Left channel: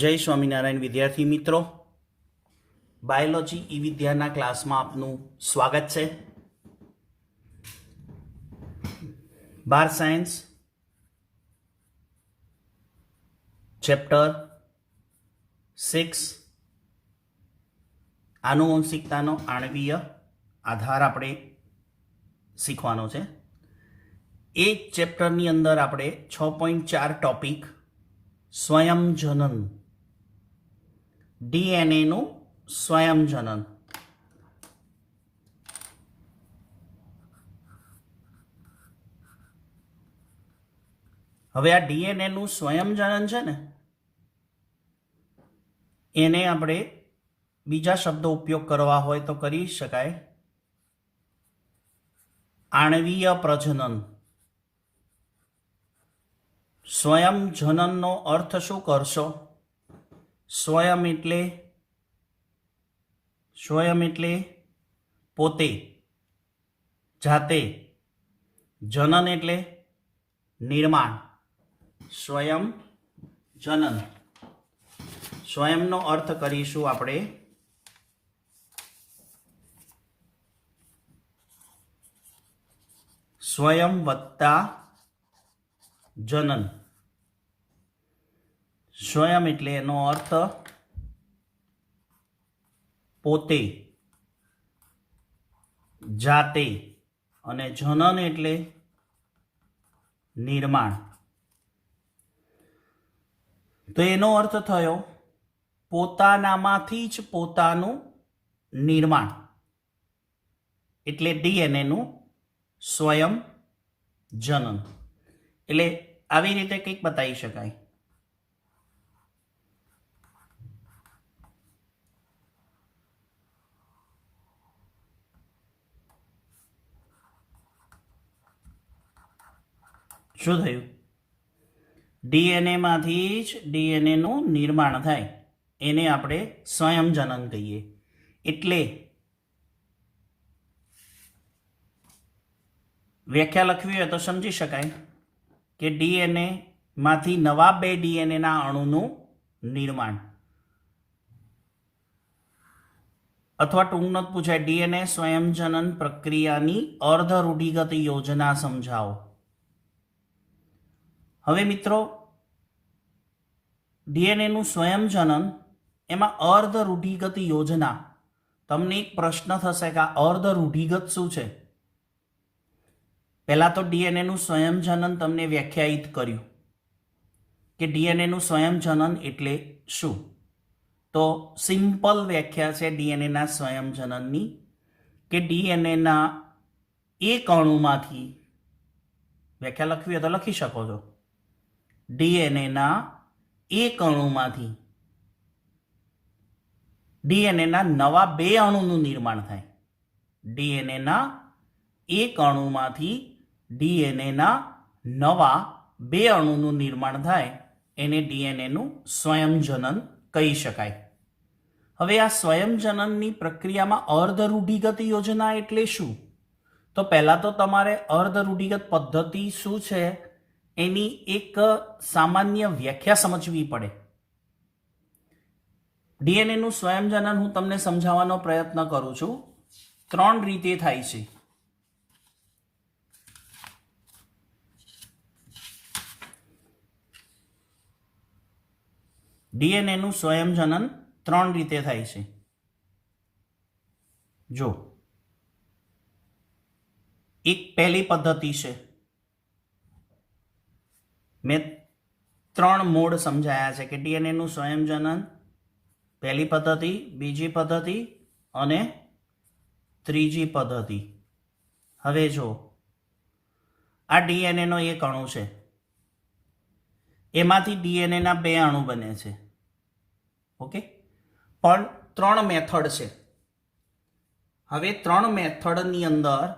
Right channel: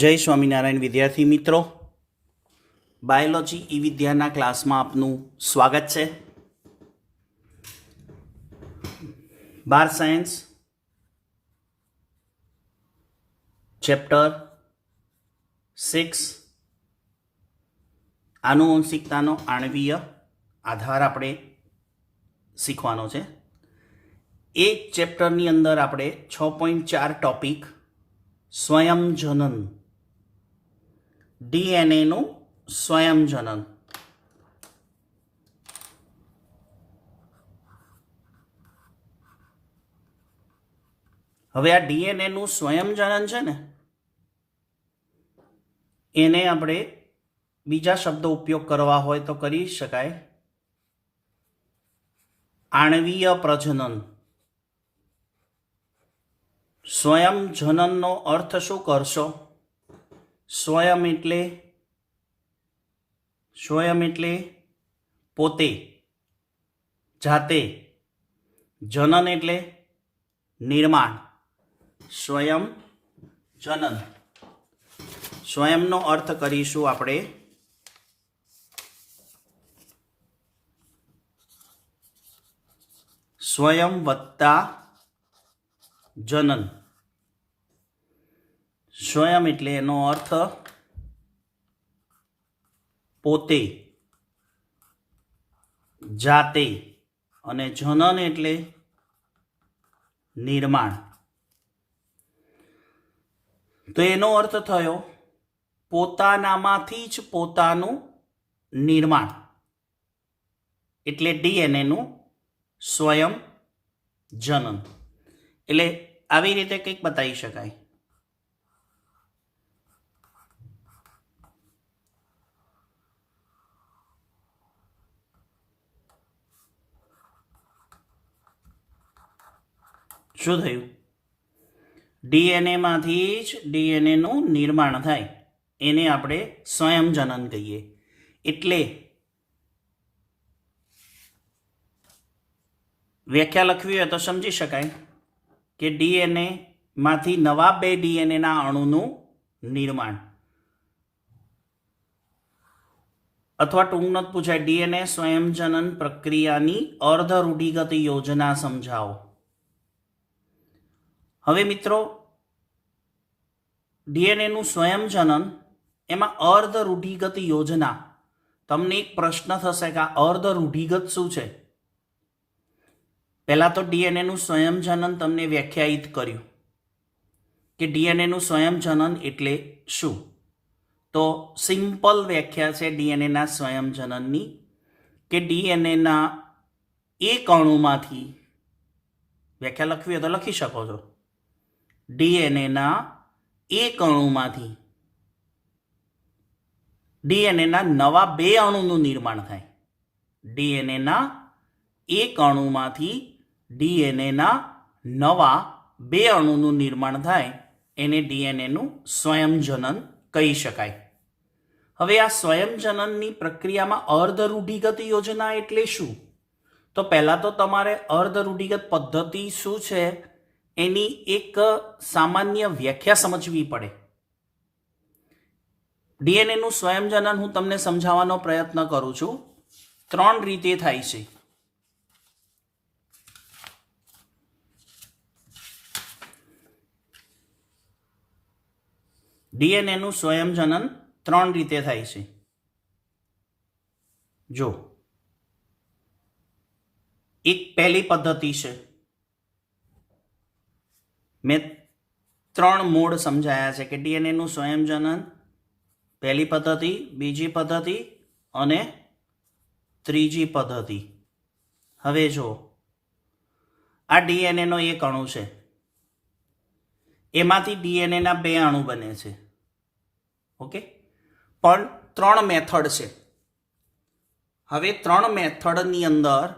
જય સ્વામિનારાયણ વિદ્યાર્થી મિત્રો, બાયોલોજી ઈ વિદ્યાના ક્લાસમાં આપનું સ્વાગત છે। બાર સાયન્સ ચેપ્ટર 6 આનુવંશિકતાનો આણ્વીય આધાર આપણે શીખવાનો છે। એ ચેપ્ટરની અંદર આપણે 6.4 ટોપિક સ્વયંજનન, ડીએનએનું સ્વયંજનન, હવે આ ડીએનએનું સ્વયંજનન છે ને, એને આપણે બીજા શબ્દો ઉપયોગ કરવા હોય તો કરી શકાય આણ્વીય પ્રજનન। સ્વયંજનનનો અર્થ શું કરશો? સ્વયં એટલે પોતે, જાતે, જનન એટલે નિર્માણ, સ્વયં જનન। સ્વયંનો અર્થ કરીશું આપણે સ્વયં વત્તા જનન। સ્વયં એટલે એનો અર્થ પોતે, જાતે, અને જનન એટલે નિર્માણ। તો એનો અર્થ થયો પોતાનામાંથી જ પોતાનું નિર્માણ, એટલે ડીએનએનું સ્વયં જનન। એટલે આવી રીતે કંઈક બતાવી શકાય। શું થયું? ડીએનએમાંથી જ ડીએનએનું નિર્માણ થાય, એને આપણે સ્વયંજનન કહીએ। એટલે વ્યાખ્યા લખવી હોય તો સમજી શકાય કે ડીએનએ માંથી નવા બે ડીએનએના અણુનું નિર્માણ, અથવા ટૂંકમાં પૂછાય ડીએનએ સ્વયંજનન પ્રક્રિયાની અર્ધ રૂઢિગત યોજના સમજાવો। હવે મિત્રો, ડીએનએનું સ્વયંજનન એમાં અર્ધ રૂઢિગત યોજના, તમને એક પ્રશ્ન થશે કે આ અર્ધ રૂઢિગત શું છે? પહેલા તો ડીએનએનું સ્વયંજનન તમને વ્યાખ્યાયિત કર્યું કે ડીએનએનું સ્વયંજનન એટલે શું? તો સિમ્પલ વ્યાખ્યા છે ડીએનએના સ્વયંજનનની કે ડીએનએના એક અણુમાંથી, વ્યાખ્યા લખવી હોય તો લખી શકો છો, ડીએનએના એક અણુમાંથી ડીએનએના નવા બે અણુનું નિર્માણ થાય। ડીએનએના એક અણુમાંથી ડીએનએના નવા બે અણુનું નિર્માણ થાય, એને ડીએનએનું સ્વયંજનન કહી શકાય। હવે આ સ્વયંજનનની પ્રક્રિયામાં અર્ધ રૂઢિગત યોજના એટલે શું? તો પહેલા તો તમારે અર્ધ રૂઢિગત પદ્ધતિ શું છે એની એક સામાન્ય વ્યાખ્યા સમજવી પડે। ડીએનએનું સ્વયંજનન હું તમને સમજાવવાનો પ્રયત્ન કરું છું। ત્રણ રીતે થાય છે। ડીએનએનું સ્વયંજનન ત્રણ રીતે થાય છે। જો એક પહેલી પદ્ધતિ છે, મેં ત્રણ મોડ સમજાયા છે કે ડીએનએનું સ્વયંજનન, પહેલી પદ્ધતિ, બીજી પદ્ધતિ અને ત્રીજી પદ્ધતિ। હવે જો આ ડીએનએનો એક અણુ છે, એમાંથી ડીએનએના બે અણુ બને છે, ઓકે, પણ ત્રણ મેથડ છે। હવે ત્રણ મેથડની અંદર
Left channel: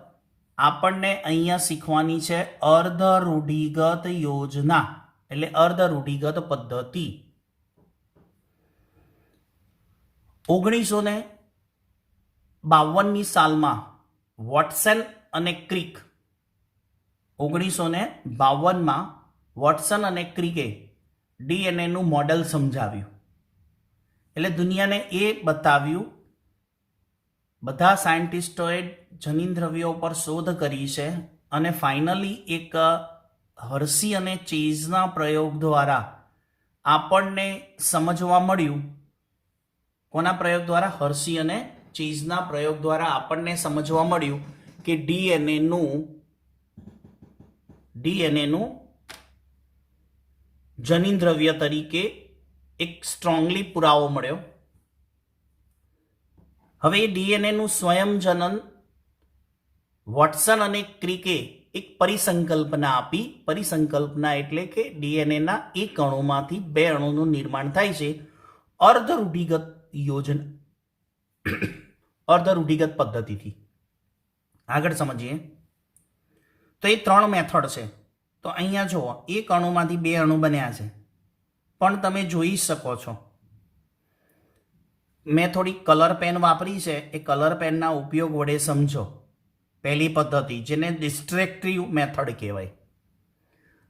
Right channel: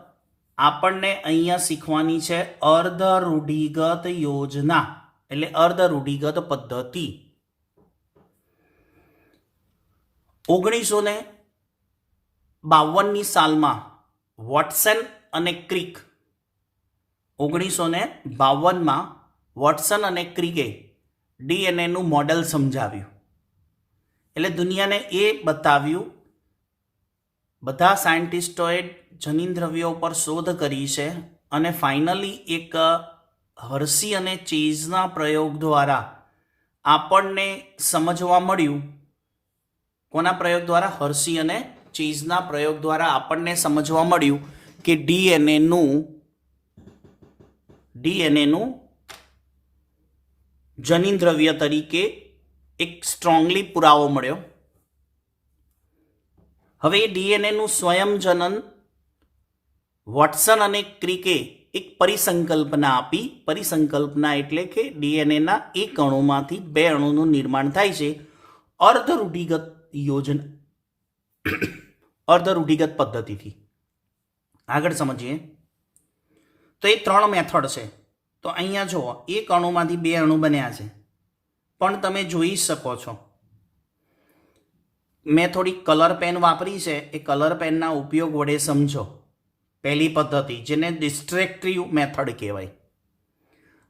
આપણને અહીંયા શીખવાની છે અર્ધ રૂઢિગત યોજના, એટલે અર્ધ રૂઢિગત પદ્ધતિ। 1952ની સાલમાં વોટસન અને ક્રિક, 1952માં વોટસન અને ક્રિકે ડીએનએનું મોડેલ સમજાવ્યું એટલે દુનિયાને એ બતાવ્યું, બધા સાયન્ટિસ્ટોએ જનીન દ્રવ્યો પર શોધ કરી છે અને ફાઇનલી એક હર્શી અને ચેઝના પ્રયોગ દ્વારા આપણને સમજવા મળ્યું. કોના પ્રયોગ દ્વારા? હર્શી અને ચેઝના પ્રયોગ દ્વારા આપણને સમજવા મળ્યું કે ડીએનએનું જનીન દ્રવ્ય તરીકે એક સ્ટ્રોંગલી પુરાવો મળ્યો. હવે ડીએનએનું સ્વયંજનન વોટસન અને ક્રિકે એક પરિસંકલ્પના આપી. પરિસંકલ્પના એટલે કે ડીએનએના એક અણુમાંથી બે અણુનું નિર્માણ થાય છે અર્ધ રૂઢિગત પદ્ધતિથી. આગળ સમજીએ તો એ 3 મેથડ છે. તો અહીંયા જુઓ, એક અણુમાંથી બે અણુ બન્યા છે, પણ તમે જોઈ શકો છો મેં થોડી કલર પેન વાપરી છે. એ કલર પેનના ઉપયોગ વડે સમજો. પહેલી પદ્ધતિ, જેને ડિસ્ટ્રેક્ટિવ મેથડ કહેવાય.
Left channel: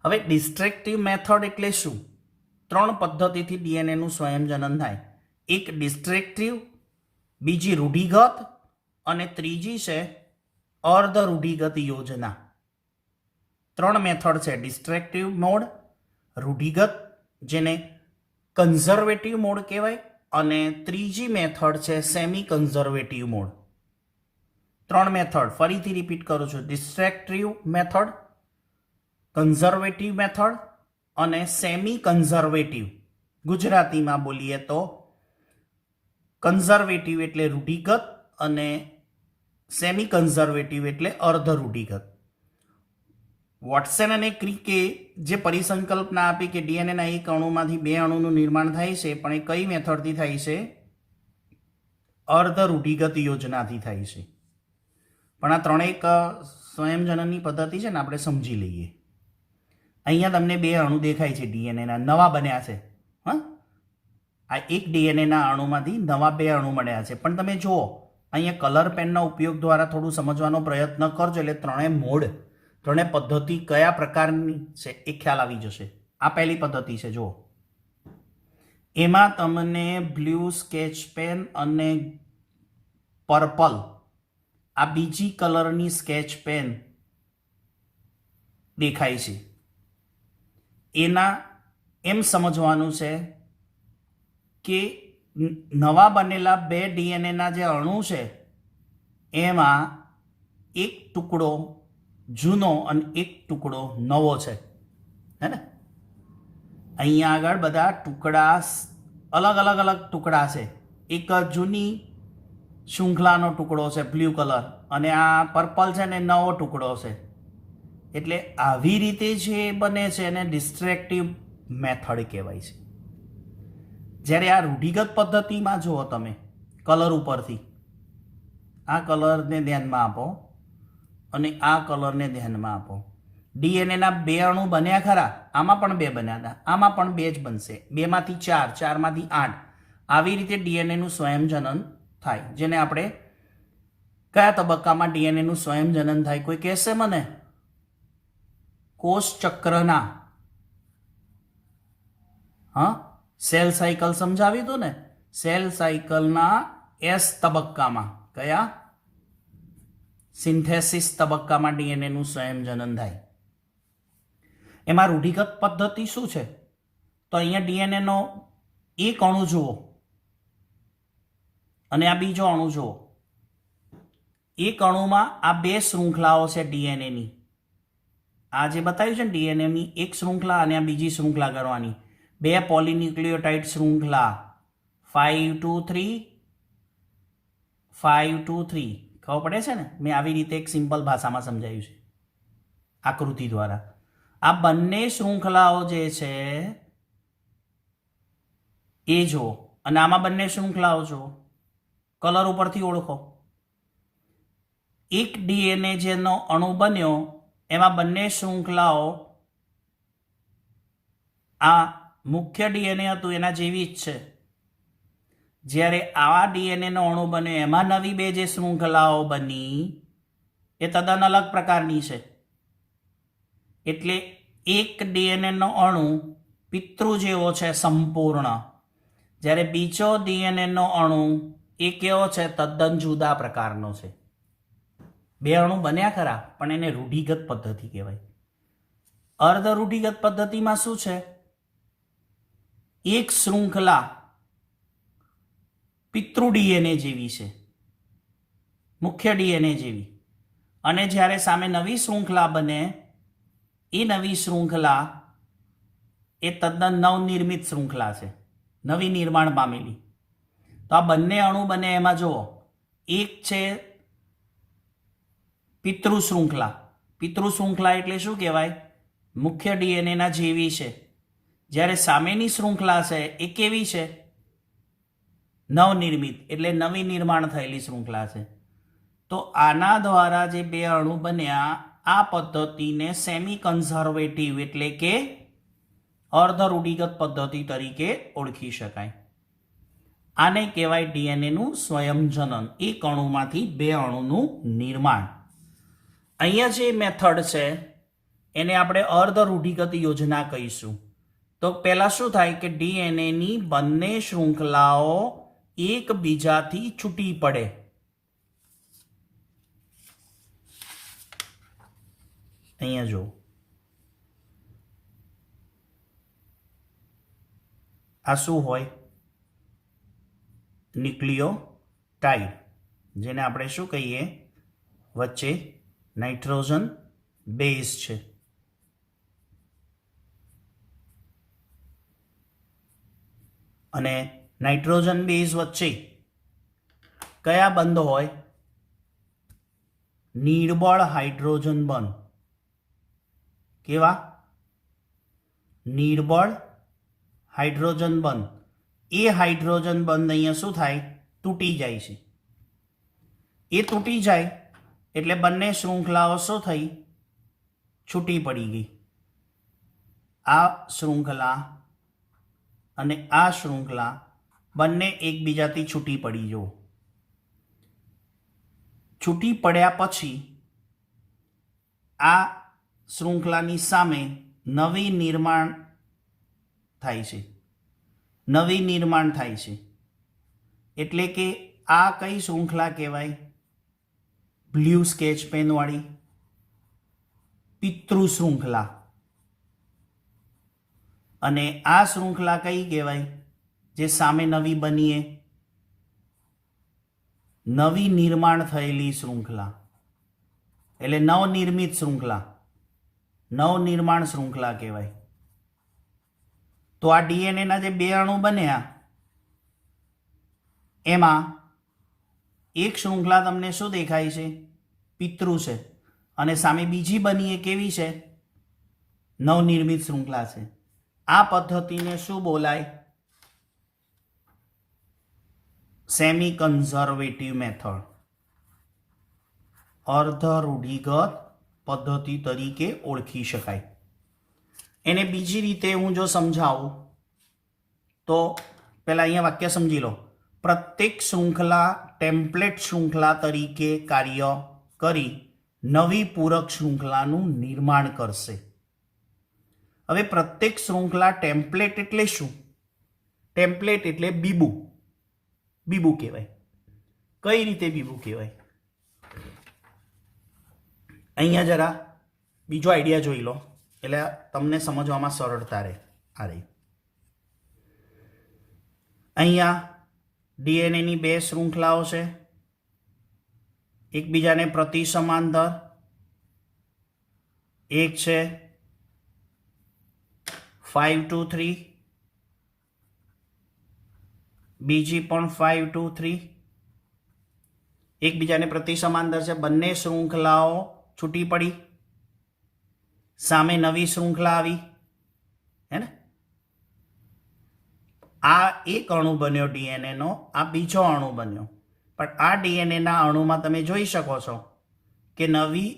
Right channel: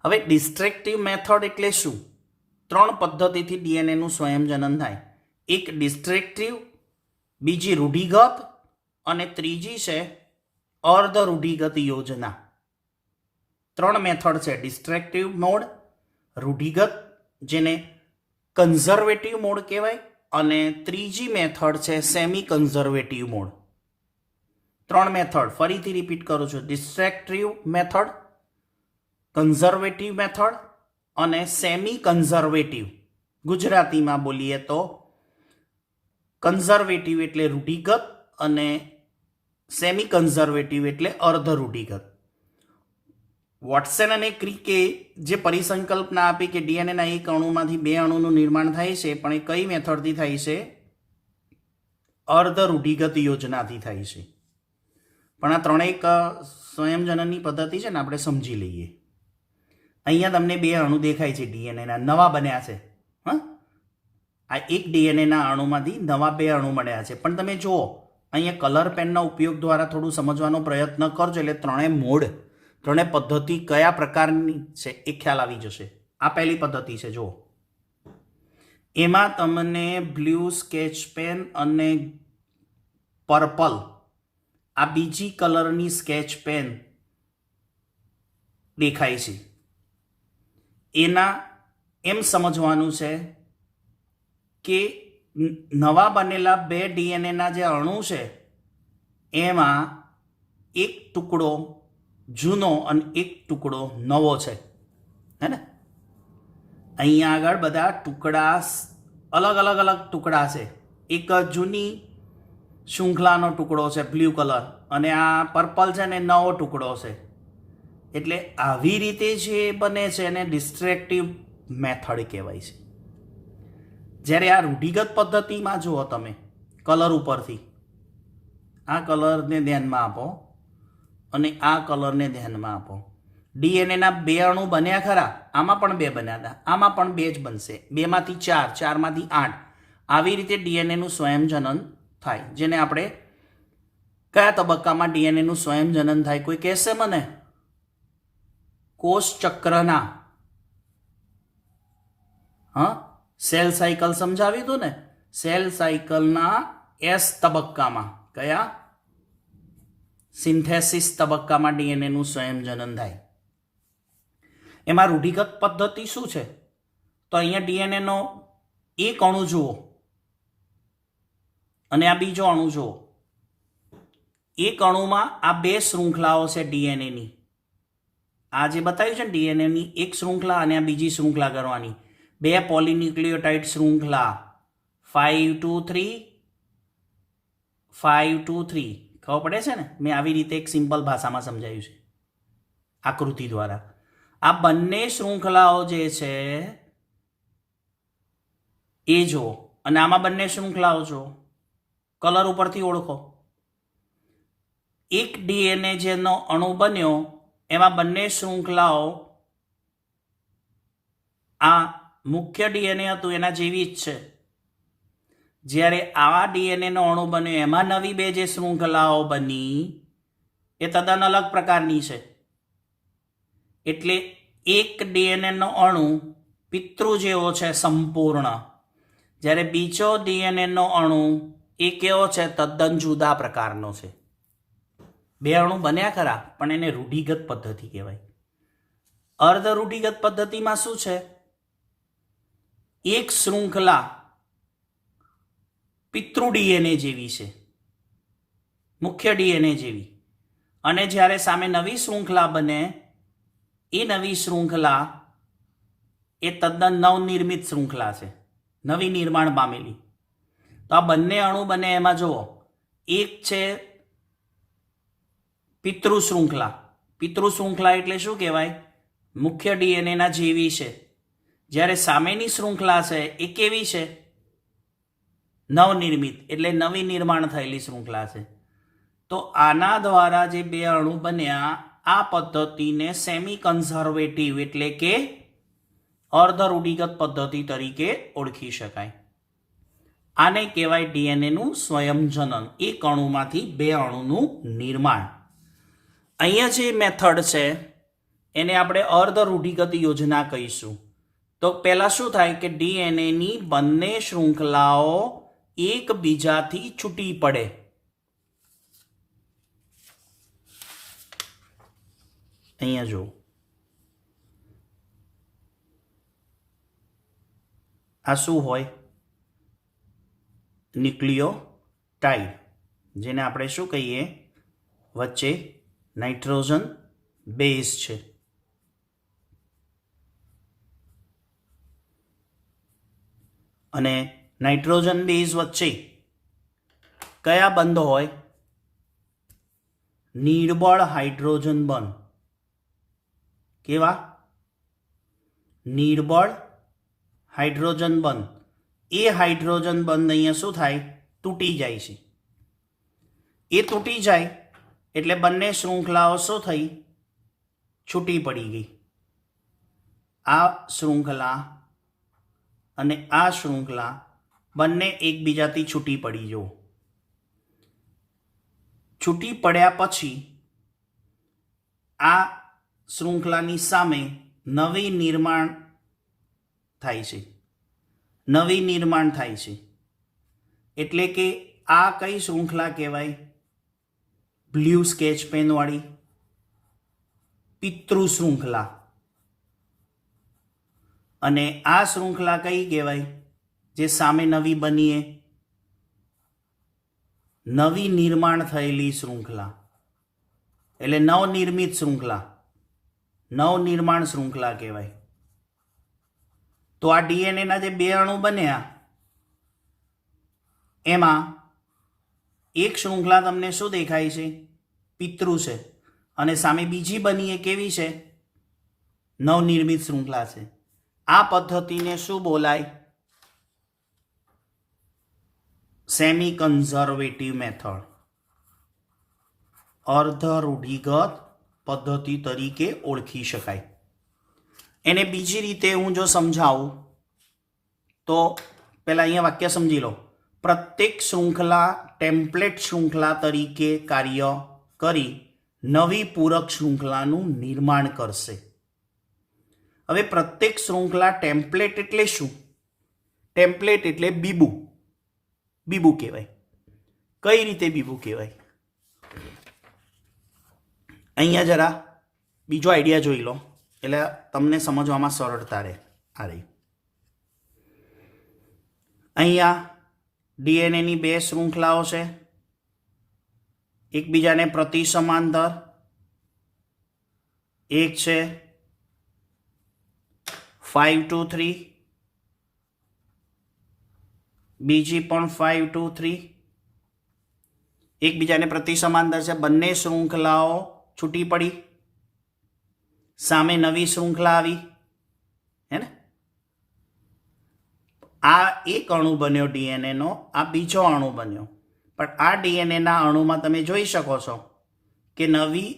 હવે ડિસ્ટ્રેક્ટિવ મેથડ એટલે શું? 3 પદ્ધતિથી ડીએનએનું સ્વયંજનન થાય. એક ડિસ્ટ્રેક્ટિવ, બીજી રૂઢિગત અને ત્રીજી છે અર્ધ રૂઢિગત યોજના. 3 મેથડ છે: ડિસ્ટ્રેક્ટિવ મોડ, રૂઢિગત જેને કન્ઝર્વેટિવ મોડ કહેવાય, અને ત્રીજી મેથડ છે સેમી કન્ઝર્વેટિવ મોડ. 3 મેથડ ફરીથી રિપીટ કરું છું: ડિસ્ટ્રેક્ટિવ મેથડ, કન્ઝર્વેટિવ મેથડ અને સેમી કન્ઝર્વેટિવ. ગુજરાતીમાં બોલીએ તો કન્ઝર્વેટિવ એટલે રૂઢિગત અને સેમી કન્ઝર્વેટિવ એટલે અર્ધ રૂઢિગત. વોટસન અને ક્રિકે જે પરિસંકલ્પના આપી કે ડીએનએના એક અણુમાંથી બે અણુનું નિર્માણ થાય છે, પણ એ કઈ મેથડથી થાય છે? અર્ધ રૂઢિગત યોજનાથી થાય છે. પણ આ ત્રણેય સ્વયંજનનની પદ્ધતિ છે ને, આપણે સમજી લઈએ. અહીંયા તમને બે અણુ દેખાય છે, ડીએનએના નવા બન્યા છે. હા, આ એક ડીએનએના અણુમાંથી નવા બે અણુ મળ્યા છે. પણ તમે જુઓ, અહીંયા કલર પેનના ઉપયોગ દ્વારા થોડું સમજવાનો પ્રયત્ન કરજો, એટલે ત્રણેય પદ્ધતિ કયા પ્રકારની છે એ ખ્યાલ આવી જશે. આ પહેલી પદ્ધતિ છે. જુઓ, એમાં તમને બ્લુ સ્કેચ પેન અને પર્પલ આ બીજી કલરની સ્કેચ પેન દેખાય છે. એના એમ સમજવાનું છે કે નવા બનેલા બે ડીએનએના જે અણુ છે એમાં એક ટુકડો જૂનો અને એક ટુકડો નવો છે. હે ને? અહીંયા આગળ બધા ટુકડા અલગ ટુકડા છે. એક જૂની શૃંખલાનો ટુકડો છે બ્લુ કલર, અને આ પર્પલ છે ને નવો ટુકડો છે. એટલે આવી રીતે જે બને છે એને ડિસ્ટ્રેક્ટિવ મેથડ કહેવાય છે. જ્યારે આ રૂઢિગત પદ્ધતિમાં જુઓ તમે, કલર ઉપરથી આ કલરને ધ્યાનમાં આપો અને આ કલરને ધ્યાનમાં આપો. ડીએનએના બે અણુ બન્યા ખરા, આમાં પણ બે બન્યા હતા, આમાં પણ બે જ બનશે. 2 માંથી 4, 4 માંથી 8, આવી રીતે ડીએનએનું સ્વયંજનન થાય. જેને આપણે કયા તબક્કામાં ડીએનએનું સ્વયંજનન થાય? કોઈ કહેશે મને? કોષ ચક્રના, હા, સેલ સાયકલ સમજાવી દો ને. સેલ સાયકલના એસ તબક્કામાં, કયા? સિન્થેસિસ તબક્કામાં ડીએનએનું સ્વયંજનન થાય. એમાં રૂઢિગત પદ્ધતિ શું છે? તો અહીંયા ડીએનએનો એક અણુ જુઓ અને આ બીજો અણુ જુઓ. એક અણુમાં આ બે શૃંખલાઓ છે ડીએનએની. આ જે બતાવ્યું છે ને, ડીએનએની એક શૃંખલા અને આ બીજી શૃંખલા કરવાની. 2 પોલીન્યુક્લિયોટાઇડ શૃંખલા, 5 to 3, 5 to 3. ખબર પડે છે ને? મેં આવી રીતે એક સિમ્પલ ભાષામાં સમજાવ્યું છે આકૃતિ દ્વારા. આ બંને શૃંખલાઓ જે છે એ જુઓ, અને આમાં બંને શૃંખલાઓ જુઓ, કલર ઉપરથી ઓળખો. એક ડીએનએ જેનો અણુ બન્યો એમાં બંને શૃંખલાઓ આ મુખ્ય ડીએનએ હતું એના જેવી જ છે. જ્યારે આવા ડીએનએનો અણુ બન્યો એમાં નવી બે જે શૃંખલાઓ બની એ તદ્દન અલગ પ્રકારની છે. એટલે એક ડીએનએનો અણુ પિતૃ જેવો છે સંપૂર્ણ, જ્યારે બીજો ડીએનએનો અણુ એ કેવો છે? તદ્દન જુદા પ્રકારનો છે. બે અણુ બન્યા ખરા, પણ એને રૂઢિગત પદ્ધતિ કહેવાય. અર્ધ રૂઢિગત પદ્ધતિમાં શું છે? એક શૃંખલા પિતૃ ડીએનએ જેવી છે, મુખ્ય ડીએનએ જેવી, અને જ્યારે સામે નવી શૃંખલા બને, એ નવી શૃંખલા એ તદ્દન નવનિર્મિત શૃંખલા છે, નવી નિર્માણ પામેલી. તો આ બંને અણુ બને એમાં જુઓ, એક છે પિતૃ શૃંખલા. પિતૃ શૃંખલા એટલે શું કહેવાય? મુખ્ય ડીએનએના જેવી છે. જ્યારે સામેની શૃંખલા છે એ કેવી છે? નવનિર્મિત, એટલે નવી નિર્માણ થયેલી શૃંખલા છે. તો આના દ્વારા જે બે અણુ બન્યા, આ પદ્ધતિને સેમી કન્ઝર્વેટિવ એટલે કે અર્ધ રૂઢિગત પદ્ધતિ તરીકે ઓળખી શકાય. આને કહેવાય ડીએનએનું સ્વયંજનન, એક અણુમાંથી બે અણુનું નિર્માણ. અહીંયા જે મેથડ છે એને આપણે અર્ધ રૂઢિગત યોજના કહીશું. તો પહેલા શું થાય કે ડીએનએની બંને શૃંખલાઓ એકબીજાથી છૂટી પડે. અહીંયા જો આ શું હોય? ન્યુક્લિયોટાઇડ, જેને આપણે શું કહીએ? વચ્ચે નાઇટ્રોજન બેઝ છે. અને નાઇટ્રોજન બેઝ વચ્ચે કયા બંધ હોય? નિર્બળ હાઇડ્રોજન બંધ. કેવા? નિર્બળ હાઇડ્રોજન બંધ. એ હાઇડ્રોજન બંધ અહીંયા શું થાય? તૂટી જાય છે. એ તૂટી જાય એટલે બંને શૃંખલાઓ શું થઈ? છૂટી પડી ગઈ. આ શૃંખલા અને આ શૃંખલા બંને એકબીજાથી છૂટી પડી. જો છૂટી પડ્યા પછી આ શૃંખલાની સામે નવી નિર્માણ થાય છે. નવી નિર્માણ થાય છે એટલે કે આ કઈ શૃંખલા કહેવાય? બ્લુ સ્કેચ પેન વાળી પિતૃ શૃંખલા. અને આ શૃંખલા કઈ કહેવાય? જે સામે નવી બનીએ, નવી નિર્માણ થયેલી શૃંખલા, એટલે નવનિર્મિત શૃંખલા, નવનિર્માણ શૃંખલા કહેવાય. તો આ ડીએનએના જે બે અણુ બન્યા એમાં એક શૃંખલા તમને શું દેખાય છે? પિતૃ છે. અને સામે બીજી બની એ કેવી છે? નવનિર્મિત શૃંખલા છે. આ પદ્ધતિને શું બોલાય? સેમી કન્ઝર્વેટિવ મેથડ, અર્ધ રૂઢિગત પદ્ધતિ તરીકે ઓળખી શકાય. એને બીજી રીતે હું જો સમજાવું તો પહેલા અહીંયા વાક્ય સમજી લો. પ્રત્યેક શૃંખલા ટેમ્પલેટ શૃંખલા તરીકે કાર્ય કરી નવી પૂરક શૃંખલાનું નિર્માણ કરશે. હવે પ્રત્યેક શૃંખલા ટેમ્પલેટ એટલે શું? ટેમ્પલેટ એટલે બીબુ. બીબુ કહેવાય. કઈ રીતે બીબુ કહેવાય? અહીંયા જરા બીજો આઈડિયા જોઈ લો એટલે તમને સમજવામાં સરળતા રહે. આ રહી અહીંયા ડીએનએની બે શૃંખલાઓ છે, એકબીજાને પ્રતિ સમાંતર. એક છે 5 to 3, બીજી પણ 5 to 3. એકબીજાને પ્રતિ સમાંતર છે. બંને શૃંખલાઓ છૂટી પડી, સામે નવી શૃંખલા આવી, હે ને? આ એક અણુ બન્યો ડીએનએનો, આ બીજો અણુ બન્યો. પણ આ ડીએનએના અણુમાં તમે જોઈ શકો છો કે નવી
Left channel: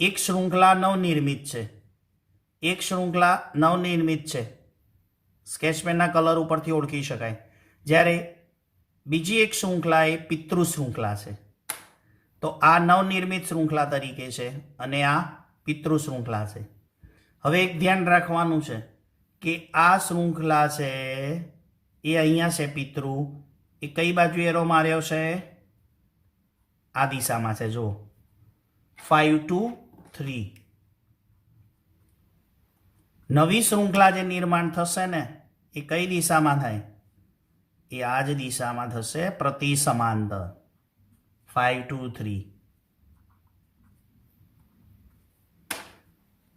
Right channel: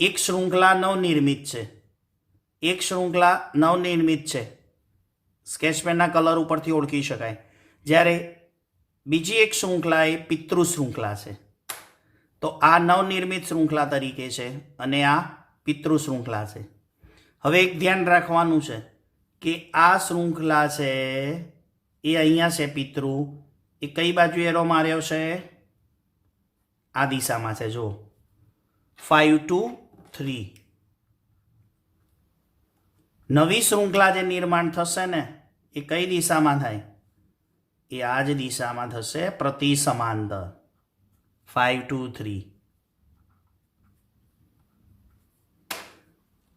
એક શૃંખલા નવનિર્મિત છે. એક શૃંખલા નવનિર્મિત છે, સ્કેચપેનના કલર ઉપરથી ઓળખી શકાય. જ્યારે બીજી એક શૃંખલા એ પિતૃ શૃંખલા છે. તો આ નવનિર્મિત શૃંખલા તરીકે છે અને આ પિતૃ શૃંખલા છે. હવે એક ધ્યાન રાખવાનું છે કે આ શૃંખલા છે એ અહીંયા છે પિતૃ, એ કઈ બાજુ એરો માર્યો છે? આ દિશામાં છે. જો 5 2 3. નવી શૃંખલા જે નિર્માણ થશે ને એ કઈ દિશામાં થાય? એ આ જ દિશામાં થશે, પ્રતિ સમાંતર. 5 2 3.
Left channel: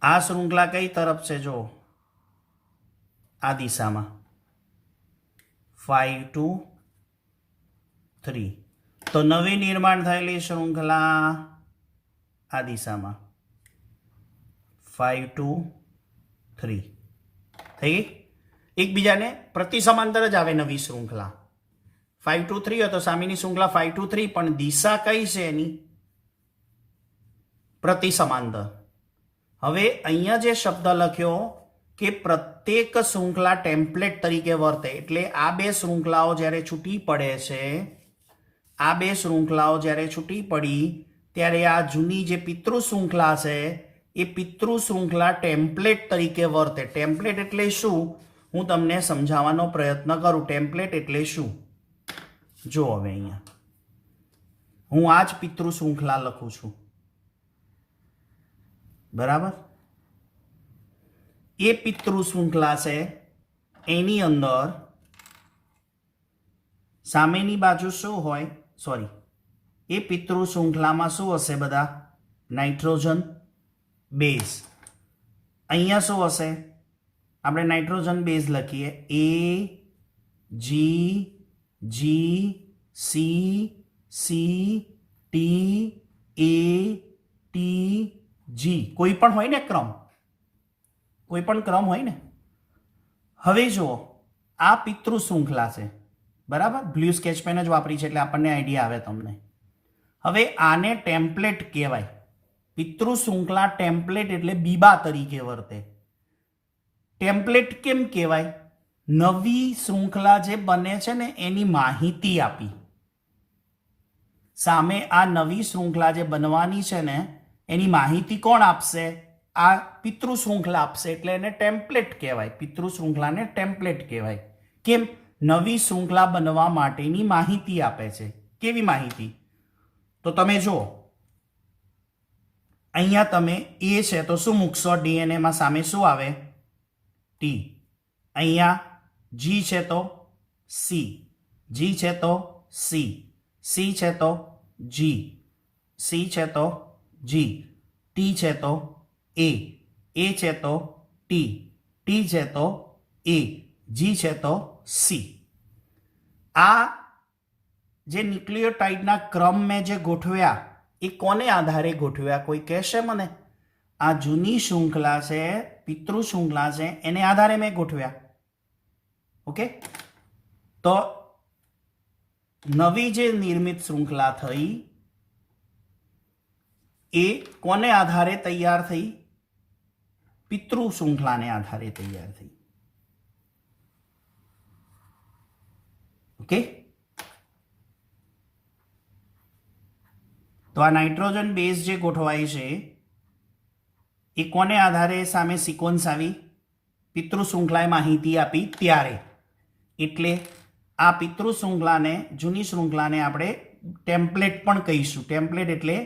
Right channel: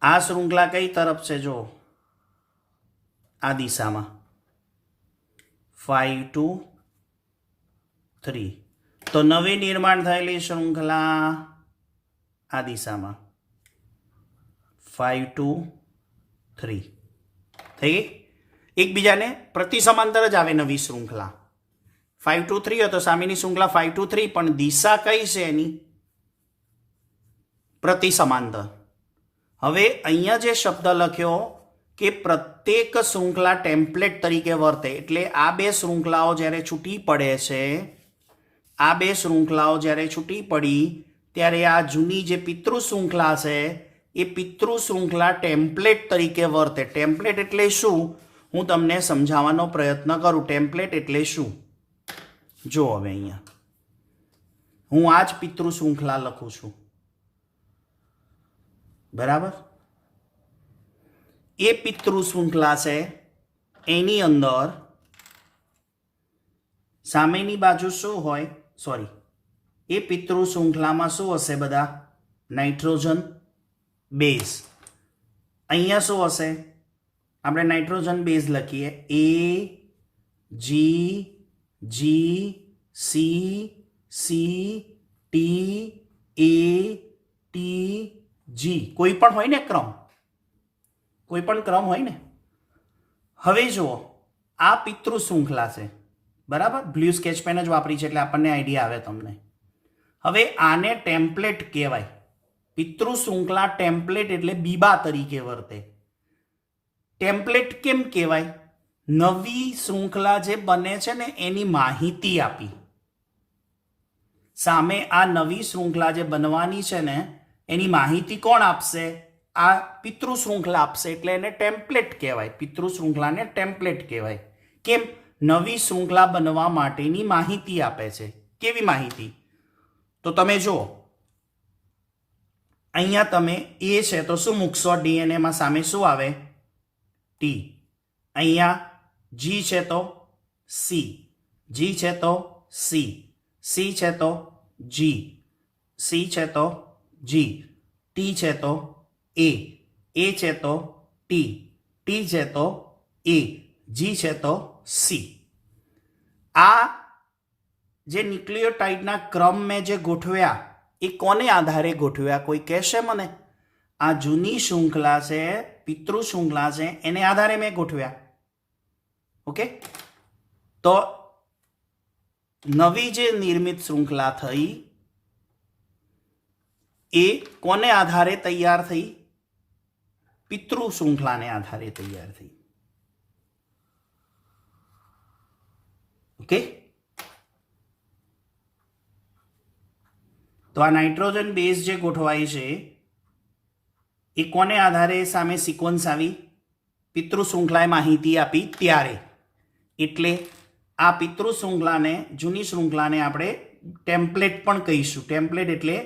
આ શૃંખલા કઈ તરફ છે? જો આ દિશામાં 5 2 3. તો નવી નિર્માણ થયેલી શૃંખલા આ દિશામાં 5 2 3 થઈ ગઈ. એકબીજાને પ્રતિ સમાંતર જ આવે નવી શૃંખલા. 5 2 3 હોય તો સામેની શૃંખલા 5 2 3, પણ દિશા કઈ છે એની? પ્રતિ સમાંતર. હવે અહીંયા જે શબ્દ લખ્યો કે પ્રત્યેક શૃંખલા ટેમ્પલેટ તરીકે વર્તે, એટલે આ બે શૃંખલાઓ જ્યારે છૂટી પડે છે, આ બે શૃંખલાઓ જ્યારે છૂટી પડી ત્યારે આ જૂની જે પિતૃ શૃંખલા છે એ પિતૃ શૃંખલા ટેમ્પલેટ તરીકે વર્તે. ટેમ્પલેટ એટલે શું? હું તમને સમજાવવાનો પ્રયત્ન કરું. ટેમ્પલેટ એટલે શું? જો હવે અહીંયા હું આ જ પિતૃ શૃંખલા લખું છું, બરાબર? એ પિતૃ શૃંખલા છે, એની અંદર સામેની બાજુ શું હોય? સોરી, એ પિતૃ શૃંખલામાં શું હશે? બધા નાઇટ્રોજન બેઝ. અહીંયા શું હશે? આપણે નાઇટ્રોજન બેઝ લખીએ, A G G C C T A T G. કોઈ પણ હોય ને ક્રમ, કોઈ પણ ક્રમ હોય ને. હવે જુઓ, આ પિતૃ શૃંખલા છે, બરાબર? બ્લુ સ્કેચ પેન જ વાપરી છે એટલે આપણને આઈડિયા આવે તમને. હવે આને ટેમ્પલેટ કહેવાય. પિતૃ શૃંખલા ટેમ્પલેટ એટલે બીબા તરીકે વર્તે. ટેમ્પલેટ કેમ કહેવાય? નવી શૃંખલા જે બને છે ને એની માહિતી આપી. સામે આ નવી શૃંખલા જે બનવાની છે ને એની માહિતી કોણ આપશે? આ પિતૃ શૃંખલા આપશે, એટલે એને ટેમ્પલેટ કહેવાય. પિતૃ શૃંખલાને ટેમ્પલેટ કહેવાય. કેમ? નવી શૃંખલા બનવા માટેની માહિતી આપે છે. કેવી માહિતી? તો તમે જુઓ, અહીંયા તમે એ છે તો શું મૂકશો? ડીએનએમાં સામે શું આવે? ટી. અહીંયા જી છે તો સી, જી છે તો સી, સી છે તો જી, સી છે તો જી, ટી છે તો એ છે તો ટી, ટી છે તો એ, જી છે તો સી. આ જે ન્યુક્લિયોટાઇડના ક્રમ મેં જે ગોઠવ્યા એ કોને આધારે ગોઠવ્યા? કોઈ કહેશે મને? આ જૂની શૃંખલા છે, પિતૃ શૃંખલા છે, એને આધારે મેં ગોઠવ્યા. ઓકે, તો નવી જે નિર્મિત શૃંખલા થઈ એ કોને આધારે તૈયાર થઈ? પિતૃ શૃંખલાને આધારે તૈયાર થઈ. ઓકે, તો આ નાઇટ્રોજન બેઝ જે ગોઠવાઈ છે એ કોને આધારે સામે સિક્વન્સ આવી? પિતૃ શૃંખલાએ માહિતી આપી ત્યારે. એટલે આ પિતૃ શૃંખલાને, જૂની શૃંખલાને આપણે ટેમ્પલેટ પણ કહીશું. ટેમ્પલેટ એટલે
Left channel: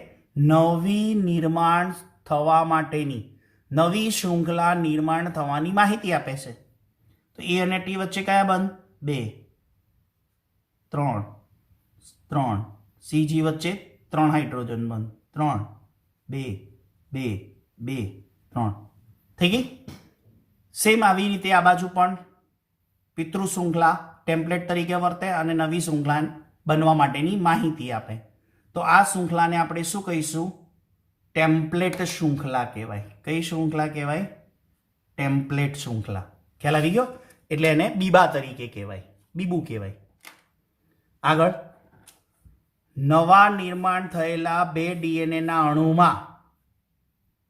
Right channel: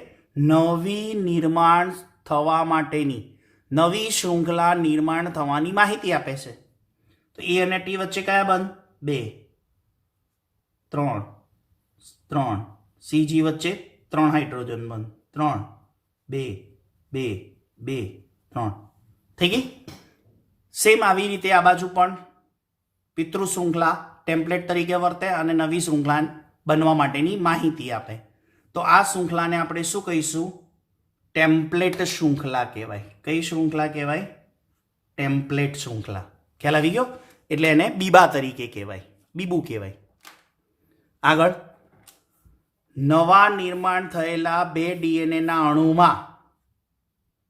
નવી નિર્માણ થવા માટેની, નવી શૃંખલા નિર્માણ થવાની માહિતી આપે છે. તો એ અને ટી વચ્ચે કયા બંધ? 2 3 3. સીજી વચ્ચે 3 હાઇડ્રોજન બંધ, 3 2 2 2 3. થઈ ગઈ. સેમ આવી રીતે આ બાજુ પણ પિતૃ શૃંખલા ટેમ્પલેટ તરીકે વર્તે અને નવી શૃંખલા બનવા માટેની માહિતી આપે. તો આ શૃંખલાને આપણે શું કહીશું? ટેમ્પલેટ શૃંખલા કહેવાય. કઈ શૃંખલા કહેવાય? ટેમ્પલેટ શૃંખલા. ખ્યાલ આવી ગયો? એટલે એને બીબા તરીકે કહેવાય, બીબુ કહેવાય. આગળ, નવા નિર્માણ થયેલા 2 ડીએનએના અણુમાં,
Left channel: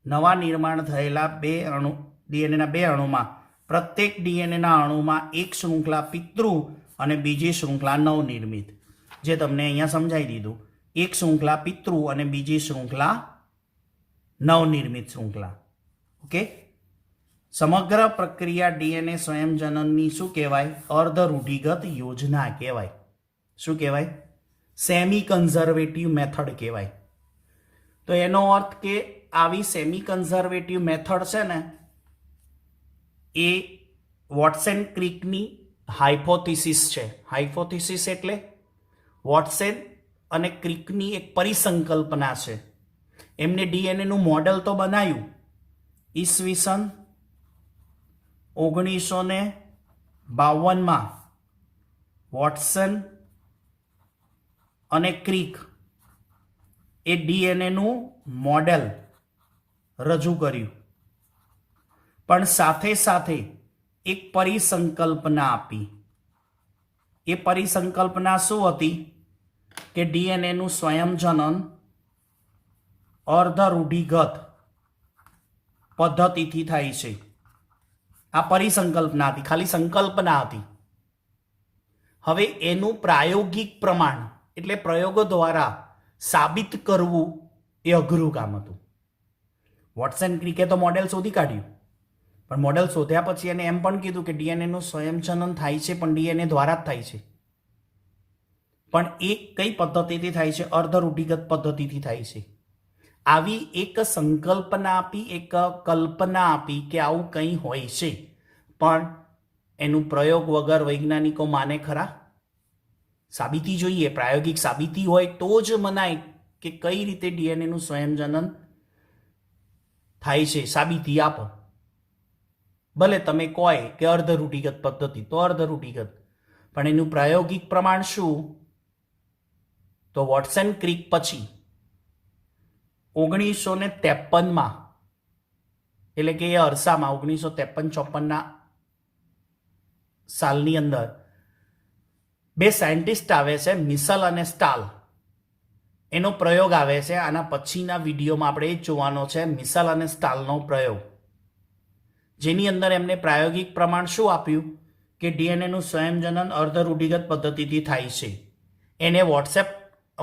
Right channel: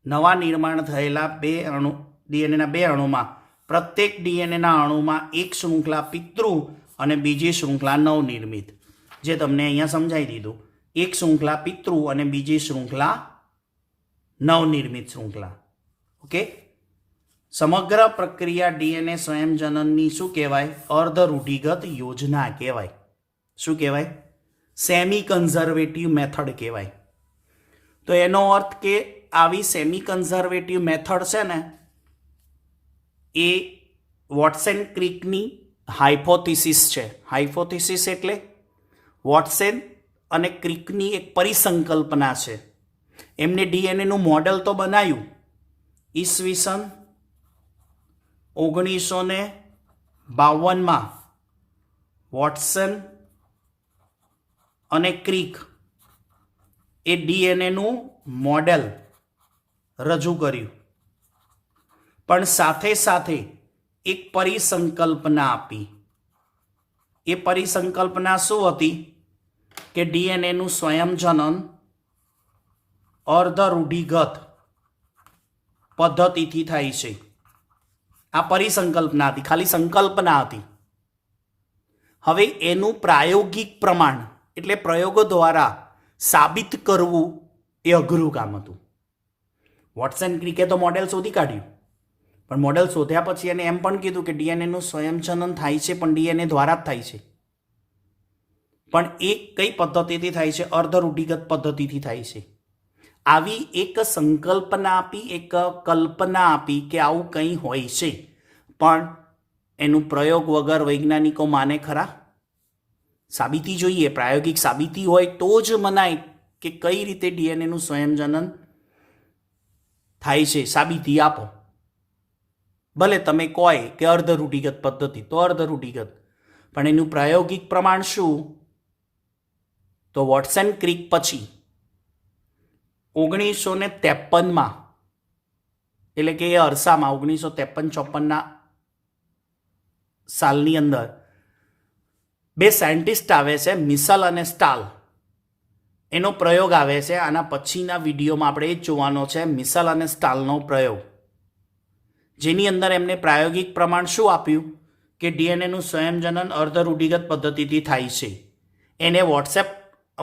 નવા નિર્માણ થયેલા ડીએનએના 2 અણુમાં પ્રત્યેક ડીએનએના અણુમાં એક શૃંખલા પિતૃ અને બીજી શૃંખલા નવનિર્મિત. જે તમને અહીંયા સમજાવી દીધું. એક શૃંખલા પિતૃ અને બીજી શૃંખલા નવનિર્મિત શૃંખલા. ઓકે, સમગ્ર પ્રક્રિયા ડીએનએ સ્વયંજનનની શું કહેવાય? અર્ધ રૂઢિગત યોજના કહેવાય. શું કહેવાય? સેમી કન્ઝર્વેટિવ મેથડ કહેવાય. તો એનો અર્થ કે આવી સેમી કન્ઝર્વેટિવ મેથડ છે ને એ વોટસન ક્રિકની હાઇપોથિસિસ છે. હાઇપોથિસિસ એટલે વોટસન અને ક્રિકની એક પરિસંકલ્પના છે. એમને ડીએનએનું મોડેલ તો બનાવ્યું ઈસવીસન 1952 વોટસન અને ક્રિક એ ડીએનએનું મોડેલ રજૂ કર્યું, પણ સાથે સાથે એક પરિસંકલ્પના આપી. એ પરિસંકલ્પના શું હતી? કે ડીએનએનું સ્વયંજનન અર્ધ રૂઢિગત પદ્ધતિથી થાય છે. આ પરિસંકલ્પના હતી, ખાલી સંકલ્પના હતી. હવે એનું પ્રાયોગિક પ્રમાણ એટલે પ્રયોગો દ્વારા સાબિત કરવું એ અઘરું કામ હતું. વોટસન ક્રિકે તો મોડેલ શોધી કાઢ્યું, પણ મોડેલ શોધ્યા પછી એને એમ પણ કીધું કે ડીએનએનું સ્વયંજનન થાય છે પણ ડીએનએ દ્વારા જ થાય છે. પણ એ કઈ પદ્ધતિથી થાય છે? અર્ધ રૂઢિગત પદ્ધતિથી થાય છે. આવી એક સંકલ્પના આપી, એક કલ્પના આપી કે આવું કંઈ હોય છે, પણ એનું પ્રયોગ વગર વૈજ્ઞાનિકો માને ખરા? સાબિતી જોઈએ, પ્રાયોગિક સાબિતી હોય તો જ મનાય કે કઈ રીતે ડીએનએનું સ્વયંજનન થાય છે. સાબિતી આપો. ભલે તમે કહો કે અર્ધ રૂઢિગત પદ્ધતિ, તો અર્ધ રૂઢિગત, પણ એનું પ્રાયોગિક પ્રમાણ શું? તો વોટસન ક્રિક પછી 1953 એટલે કે એ અરસામાં 1953-54 સાલની અંદર બે સાયન્ટિસ્ટ આવે છે, મિસલ અને સ્ટાલ. એનો પ્રયોગ આવે છે. આના પછીના વિડીયોમાં આપણે એ જ જોવાનો છે, મિસલ અને સ્ટાલનો પ્રયોગ, જેની અંદર એમને પ્રાયોગિક પ્રમાણ શું આપ્યું? કે ડીએનએનું સ્વયંજનન અર્ધ રૂઢિગત પદ્ધતિથી થાય છે. એને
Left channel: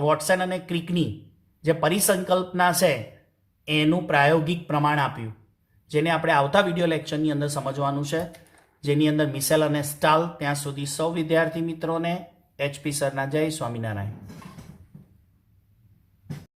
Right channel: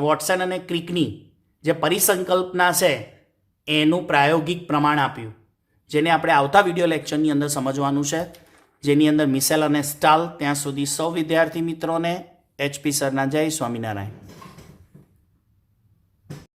વોટસન અને ક્રિકની જે પરિસંકલ્પના છે એનું પ્રાયોગિક પ્રમાણ આપ્યું, જેને આપણે આવતા વિડીયો લેક્ચરની અંદર સમજવાનું છે, જેની અંદર મિસેલ અને સ્ટાલ. ત્યાં સુધી સૌ વિદ્યાર્થી મિત્રોને HP સરના જય સ્વામિનારાયણ.